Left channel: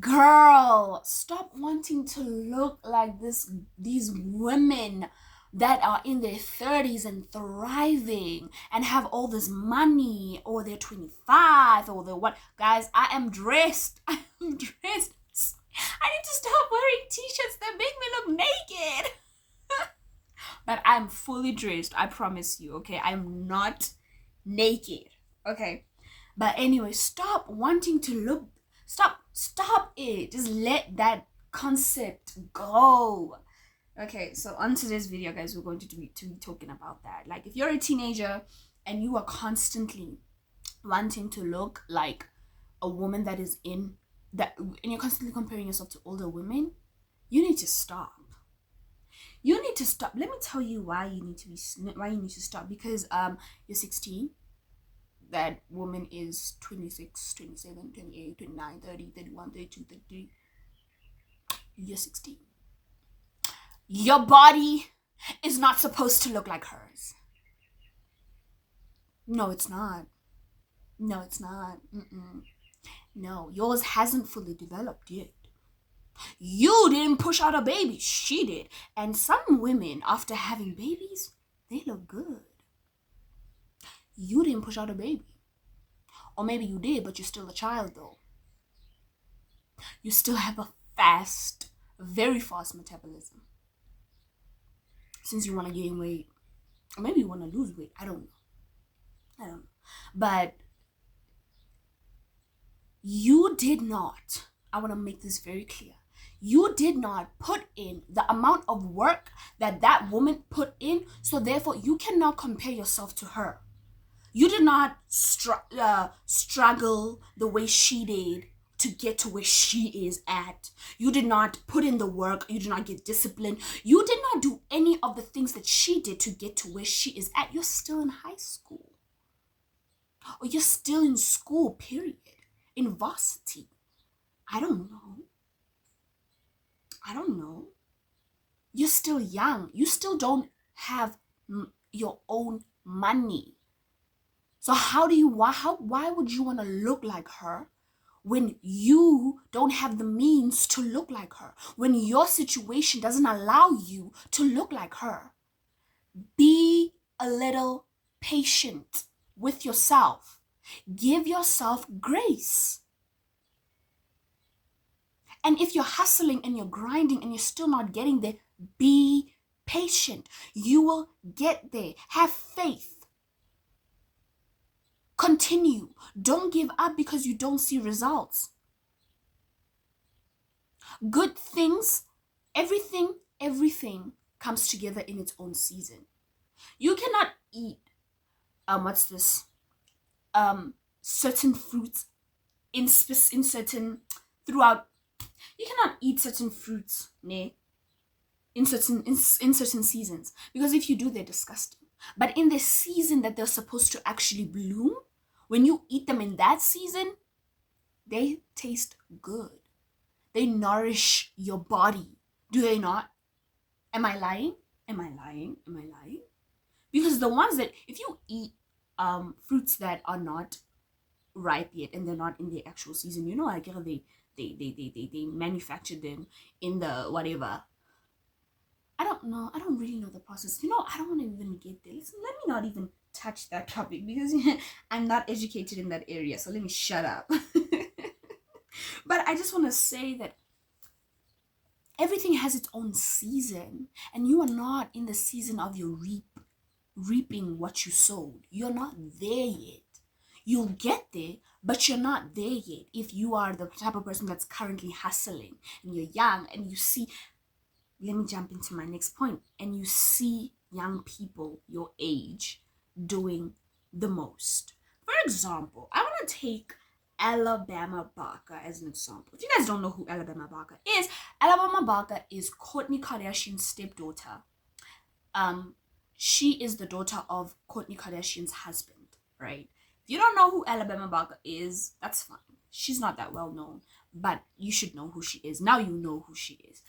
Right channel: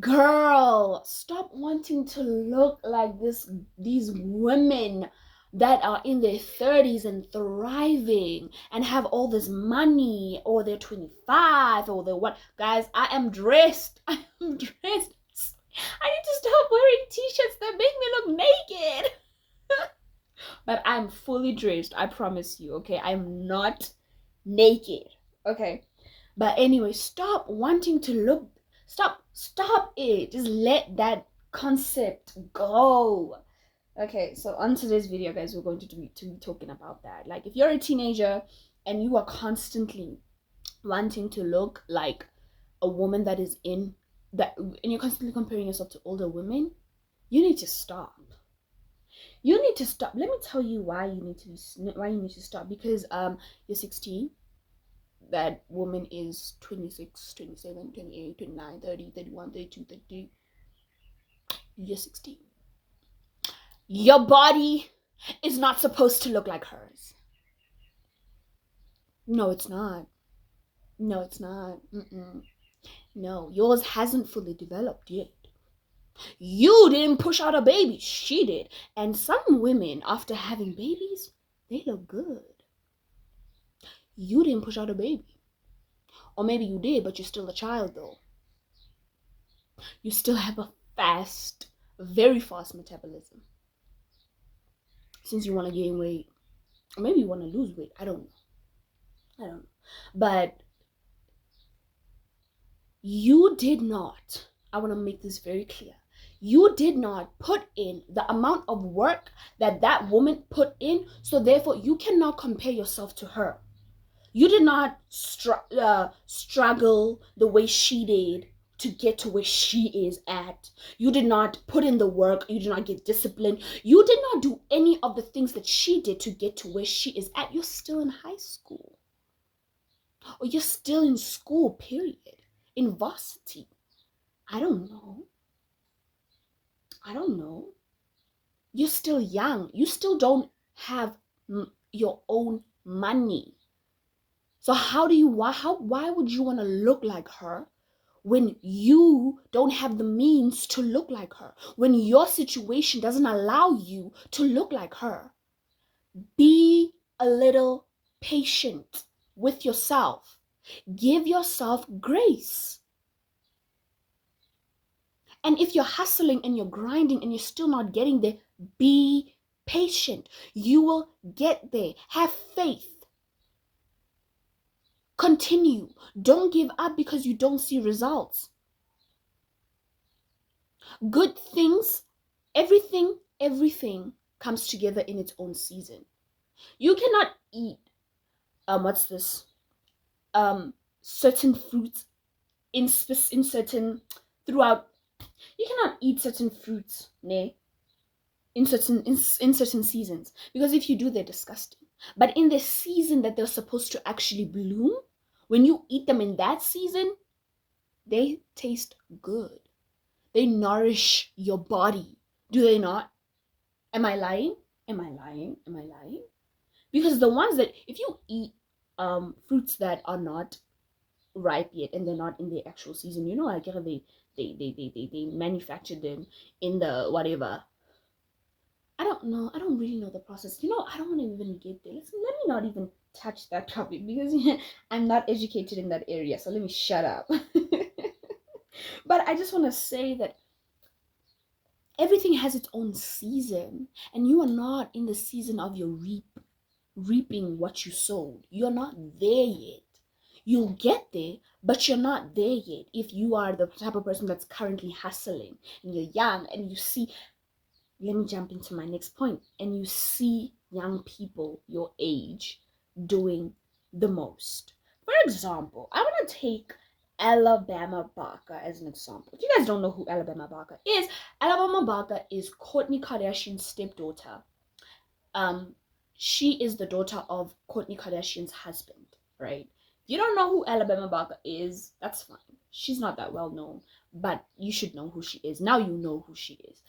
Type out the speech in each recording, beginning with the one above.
Girl, stop wanting to look like these women that are in their 30s and thriving and have all this money, or they're 25, or they're what. Guys, I am dressed. I am dressed. I need to stop wearing t-shirts that make me look naked. But I'm fully dressed, I promise you, okay? I'm not naked, okay? But anyway, stop wanting to look. Stop it. Just let that concept go. Okay, so on today's video, guys, we're going to be talking about that. Like, if you're a teenager and you are constantly wanting to look like a woman that is in that, and you're constantly comparing yourself to older women, you need to stop. You need to stop. Let me tell you why you need to stop. Because you're 16, that woman is 26, 27, 28, 29, 30, 31, 32, 33. You're 16. Your body is not supposed to look like hers. No, it's not. No, it's not. No, yours hasn't fully developed yet. You didn't push out a baby. She did. And some women, after having babies, they look good. You didn't push out a baby. Or maybe you did, but you're still a child though. You still have a very fast metabolism. Since you want to gain weight, or maybe you want to lose weight, I don't know. But you did not, I want to make this very clear, you did not put in the amount of work that woman put in, so therefore you cannot compare yourself to her. You did not struggle the way she did to get to where she is at. You did not put in the work. You did not get disciplined. You did not do any of the things that she did to get to where she is at. You're still in high school. Or you're still in school, period. In varsity. I don't know. You're still young. You still don't have your own money. So why would you want to look like her when you don't have the means to look like her? When your situation doesn't allow you to look like her? Be a little patient with yourself. Give yourself grace. And if you're hustling and you're grinding and you're still not getting there, be patient. You will get there. Have faith. Continue. Don't give up because you don't see results. Good things, everything comes together in its own season. You cannot eat certain fruits in certain throughout. You cannot eat certain fruits, in certain seasons, because if you do, they're disgusting. But in the season that they're supposed to actually bloom, when you eat them in that season, they taste good. They nourish your body. Do they not? Am I lying? Because the ones that, if you eat fruits that are not ripe yet and they're not in the actual season, like they manufactured them in the whatever. I don't know. I don't really know the process. I don't want to even get there. Let me not even touch that topic because I'm not educated in that area. So let me shut up. But I just want to say that everything has its own season, and you are not in the season of your reaping what you sowed. You're not there yet. You'll get there, but you're not there yet. If you are the type of person that's currently hustling and you're young and you see, let me jump into my next point, and you see young people your age doing the most. For example, I want to take Alabama Barker as an example. If you guys don't know who Alabama Barker is Kourtney Kardashian's stepdaughter. She is the daughter of Kourtney Kardashian's husband, right? If you don't know who Alabama Barker is, that's fine. She's not that well known, but you should know who she is. Now you know who she is.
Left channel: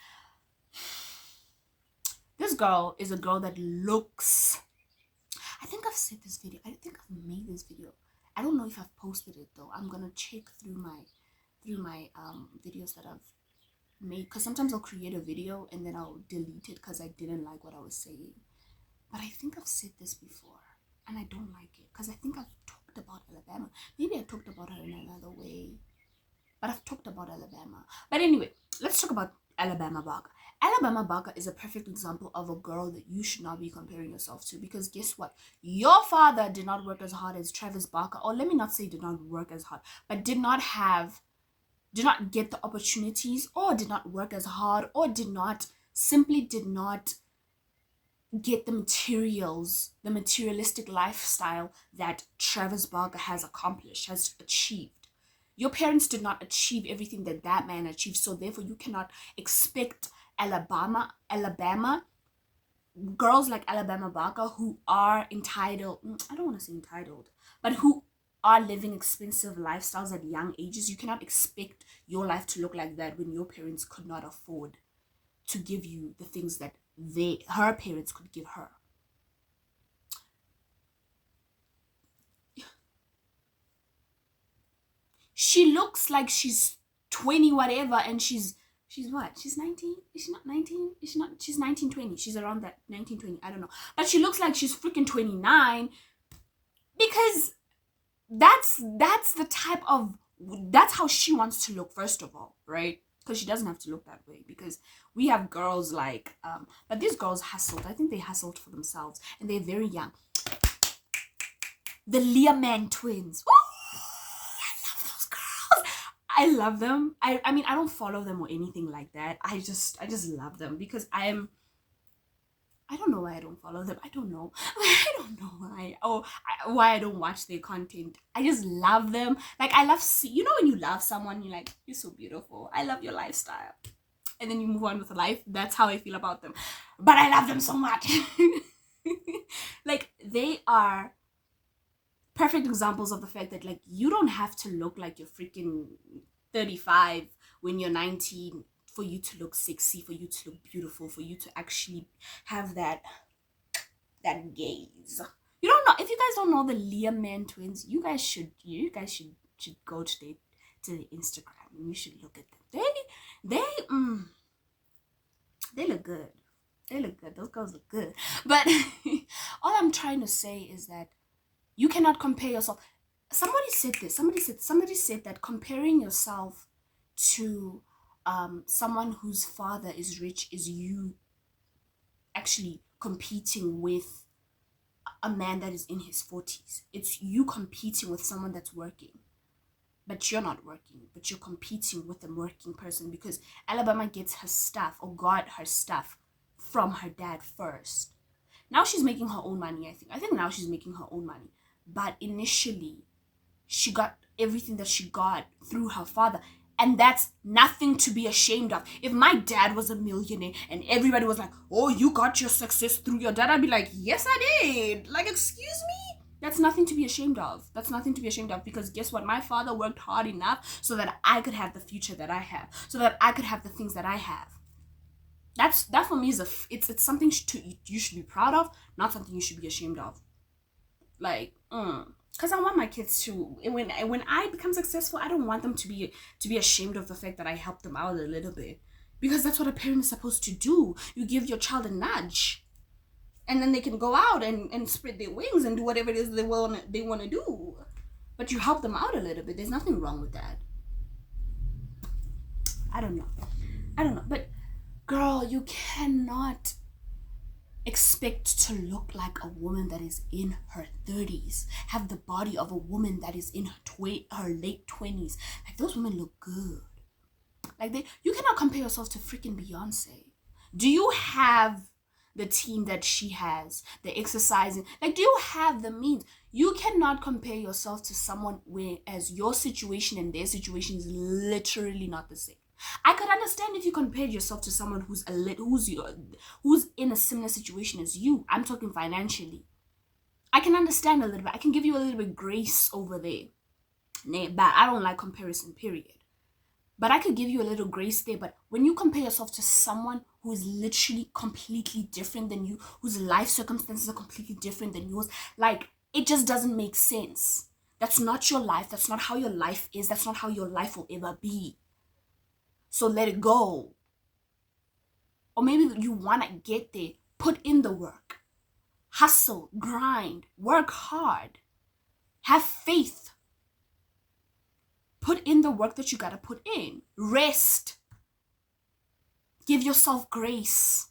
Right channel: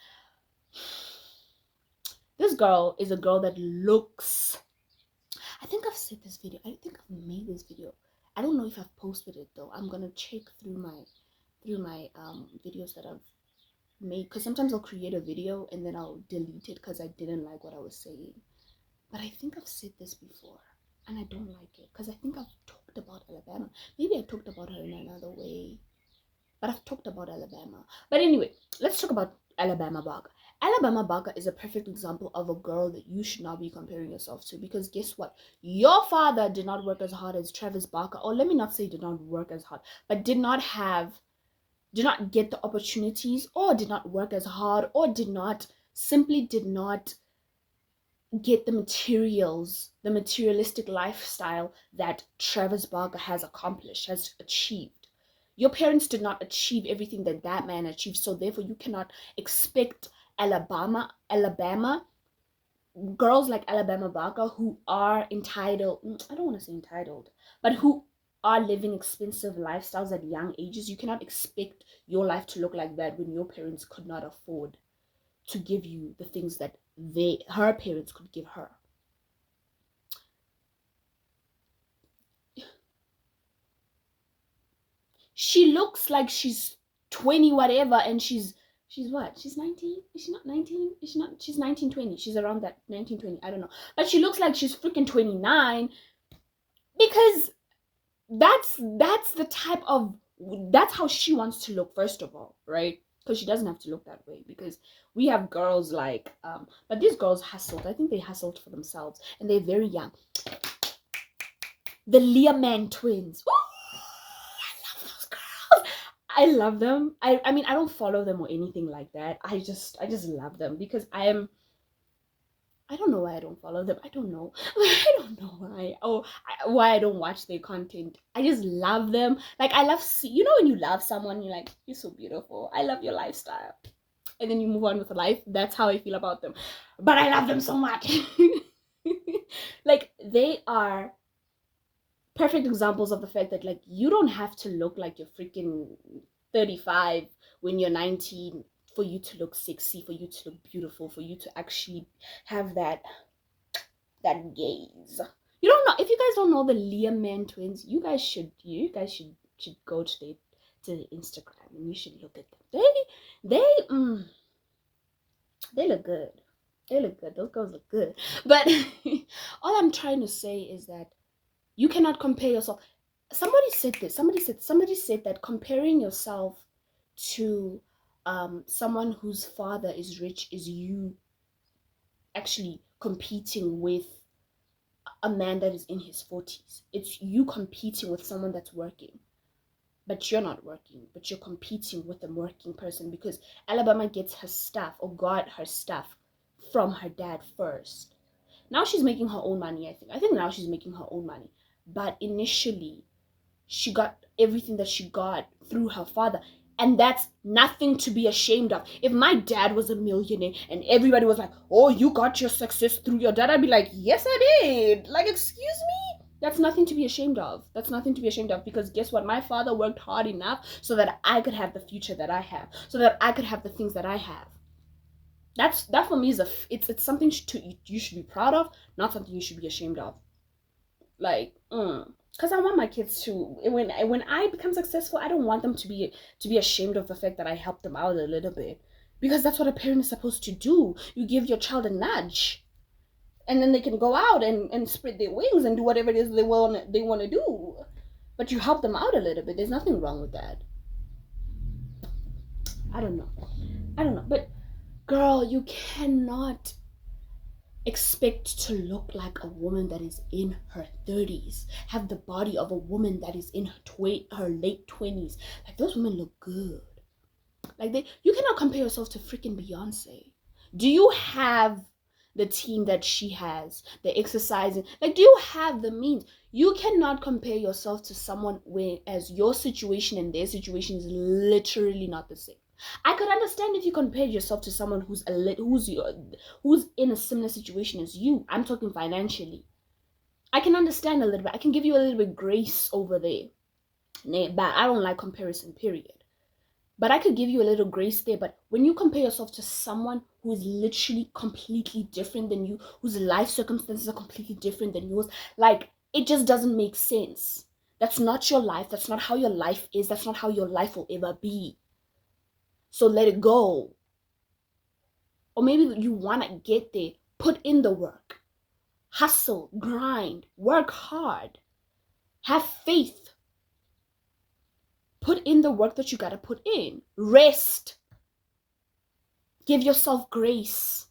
This girl is a girl that looks, I think I've said this video. I think I've made this video. I don't know if I've posted it though. I'm gonna check through through my videos that I've made, because sometimes I'll create a video and then I'll delete it because I didn't like what I was saying. But I think I've said this before and I don't like it, because I think I've talked about Alabama. Maybe I talked about her in another way, but I've talked about Alabama. But anyway, let's talk about Alabama Barker. Alabama Barker is a perfect example of a girl that you should not be comparing yourself to, because guess what? Your father did not work as hard as Travis Barker, or let me not say did not work as hard, but did not get the opportunities, or did not work as hard, or simply did not get the materialistic lifestyle that Travis Barker has achieved. Your parents did not achieve everything that man achieved, so therefore you cannot expect Alabama girls like Alabama Barker, who are entitled, I don't want to say entitled, but who are living expensive lifestyles at young ages. You cannot expect your life to look like that when your parents could not afford to give you the things that her parents could give her. She looks like she's 20 whatever, and she's what? She's 19? Is she not 19? Is she not? She's 19, 20. She's around that 19, 20. I don't know. But she looks like she's freaking 29, because that's how she wants to look, first of all, right? Because she doesn't have to look that way, because we have girls like but these girls hustled. I think they hustled for themselves, and they're very young. The Learman twins. Ooh, I love them. I mean, I don't follow them or anything like that. I just love them, because I don't know why I don't follow them. I don't know. I don't know why. Why I don't watch their content. I just love them. Like, I love, you know, when you love someone, you're like, you're so beautiful. I love your lifestyle. And then you move on with life. That's how I feel about them. But I love them so much. Like, they are perfect examples of the fact that, like, you don't have to look like you're freaking 35 when you're 19 for you to look sexy, for you to look beautiful, for you to actually have that gaze. You don't know, if you guys don't know the Learman twins, you guys should go to the Instagram and you should look at them. They look good. They look good. Those girls look good. But all I'm trying to say is that you cannot compare yourself. Somebody said that comparing yourself to someone whose father is rich is you actually competing with a man that is in his 40s. It's you competing with someone that's working, but you're not working, but you're competing with a working person, because Alabama gets her stuff, or got her stuff, from her dad first. Now she's making her own money, I think now she's making her own money. But initially, she got everything that she got through her father. And that's nothing to be ashamed of. If my dad was a millionaire and everybody was like, oh, you got your success through your dad, I'd be like, yes, I did. Like, excuse me? That's nothing to be ashamed of. That's nothing to be ashamed of, because guess what? My father worked hard enough so that I could have the future that I have, so that I could have the things that I have. That for me is it's something you should be proud of, not something you should be ashamed of. Like, because I want my kids to, when I become successful, I don't want them to be ashamed of the fact that I helped them out a little bit, because that's what a parent is supposed to do. You give your child a nudge, and then they can go out and spread their wings and do whatever it is they want to do. But you help them out a little bit. There's nothing wrong with that. I don't know. But girl, you cannot expect to look like a woman that is in her 30s, have the body of a woman that is in her late 20s. Like, those women look good. Like, you cannot compare yourself to freaking Beyonce. Do you have the team that she has, the exercising? Like, do you have the means? You cannot compare yourself to someone whereas your situation and their situation is literally not the same. I could understand if you compared yourself to someone who's in a similar situation as you. I'm talking financially. I can understand a little bit. I can give you a little bit grace over there. But I don't like comparison, period. But I could give you a little grace there. But when you compare yourself to someone who is literally completely different than you, whose life circumstances are completely different than yours, like, it just doesn't make sense. That's not your life. That's not how your life is. That's not how your life will ever be. So let it go. Or maybe you want to get there. Put in the work. Hustle, grind, work hard. Have faith. Put in the work that you got to put in. Rest. Give yourself grace.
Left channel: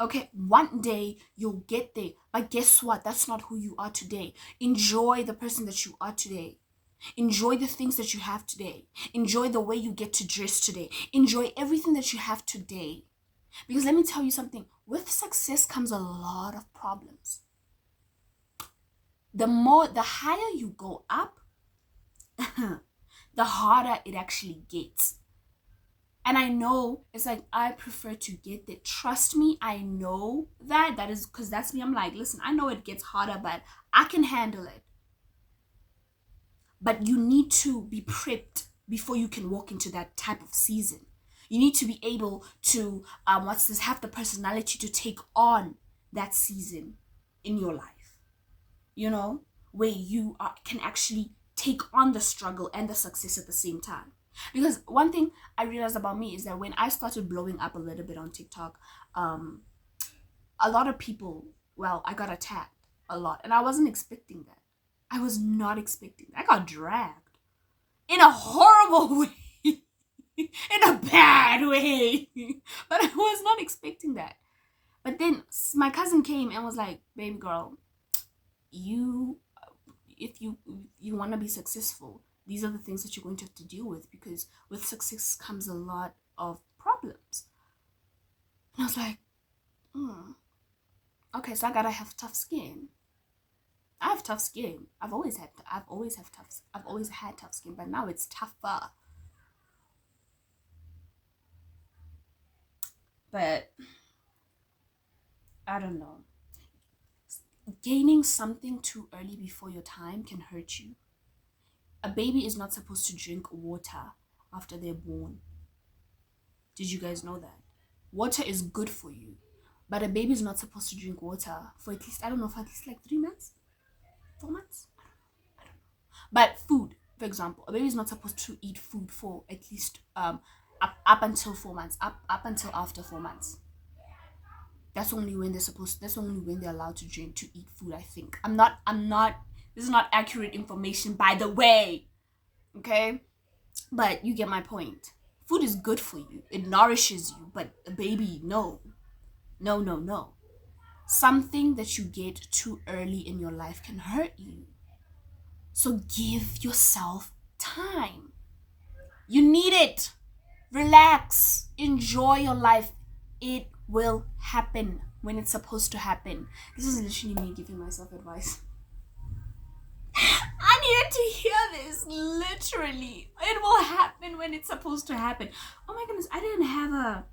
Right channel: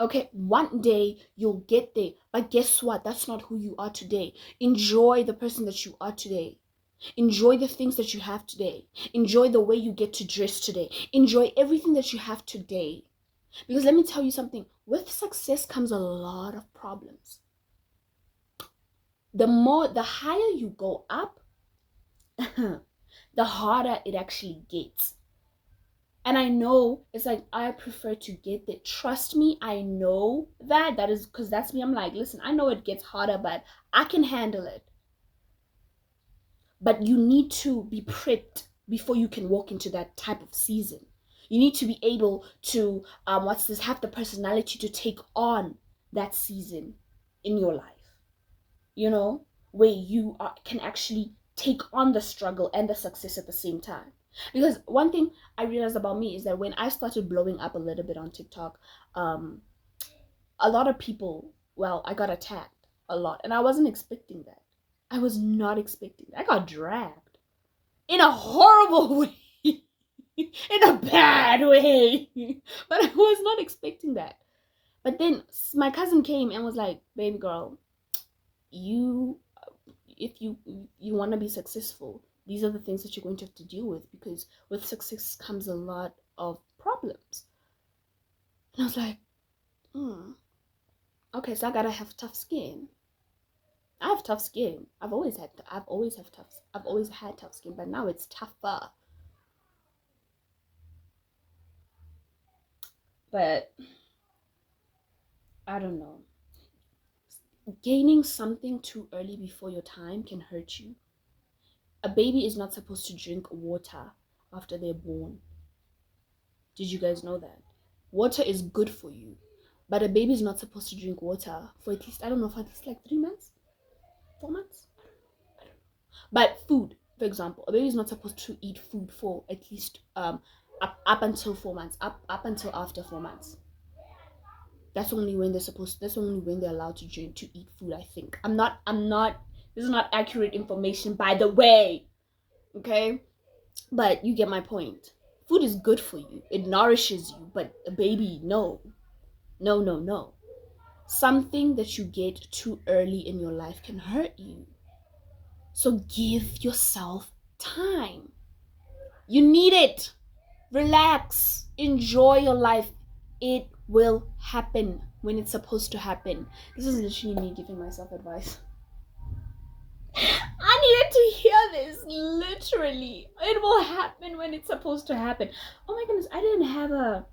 Okay, one day you'll get there. But guess what? That's not who you are today. Enjoy the person that you are today. Enjoy the things that you have today. Enjoy the way you get to dress today. Enjoy everything that you have today. Because let me tell you something. With success comes a lot of problems. The higher you go up, the harder it actually gets. And I know it's like, I prefer to get that. Trust me, I know that. That is because that's me. I'm like, listen, I know it gets harder, but I can handle it. But you need to be prepped before you can walk into that type of season. You need to be able to, have the personality to take on that season in your life. You know, where you can actually take on the struggle and the success at the same time. Because one thing I realized about me is that when I started blowing up a little bit on TikTok, a lot of people, I got attacked a lot. And I wasn't expecting that. I was not expecting that. I got dragged in a horrible way. In a bad way. But I was not expecting that. But then my cousin came and was like, baby girl, if you want to be successful, these are the things that you're going to have to deal with, because with success comes a lot of problems. And I was like, okay, so I gotta have tough skin. I have tough skin. I've always had tough skin, but now it's tougher. But I don't know. Gaining something too early before your time can hurt you. A baby is not supposed to drink water after they're born. Did you guys know that? Water is good for you, but a baby is not supposed to drink water for at least, for at least like 3 months? 4 months? I don't know. But food, for example, a baby is not supposed to eat food for at least up until 4 months, up until after 4 months. That's only when they're allowed to eat food, I think. This is not accurate information, by the way. Okay? But you get my point. Food is good for you. It nourishes you. But a baby, no. No. Something that you get too early in your life can hurt you. So give yourself time. You need it. Relax. Enjoy your life. It will happen when it's supposed to happen. This is literally me giving myself advice. I needed to hear this. Literally, it will happen when it's supposed to happen. Oh my goodness, I didn't have a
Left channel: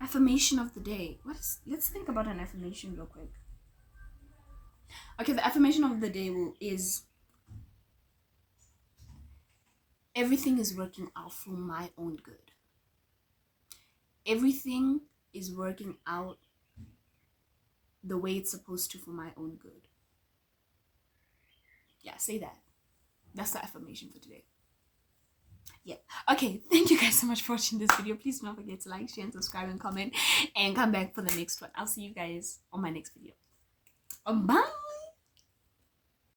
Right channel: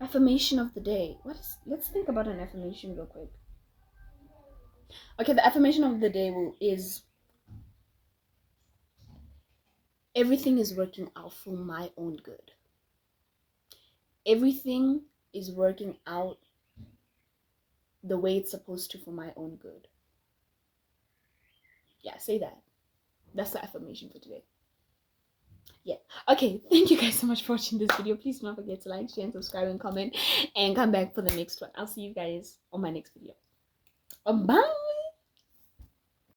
affirmation of the day. Let's think about an affirmation real quick. Okay, the affirmation of the day is everything is working out for my own good. Everything is working out the way it's supposed to for my own good. Yeah, say that. That's the affirmation for today. Yeah. Okay, thank you guys so much for watching this video. Please do not forget to like, share, and subscribe, and comment, and come back for the next one. I'll see you guys on my next video. Bye.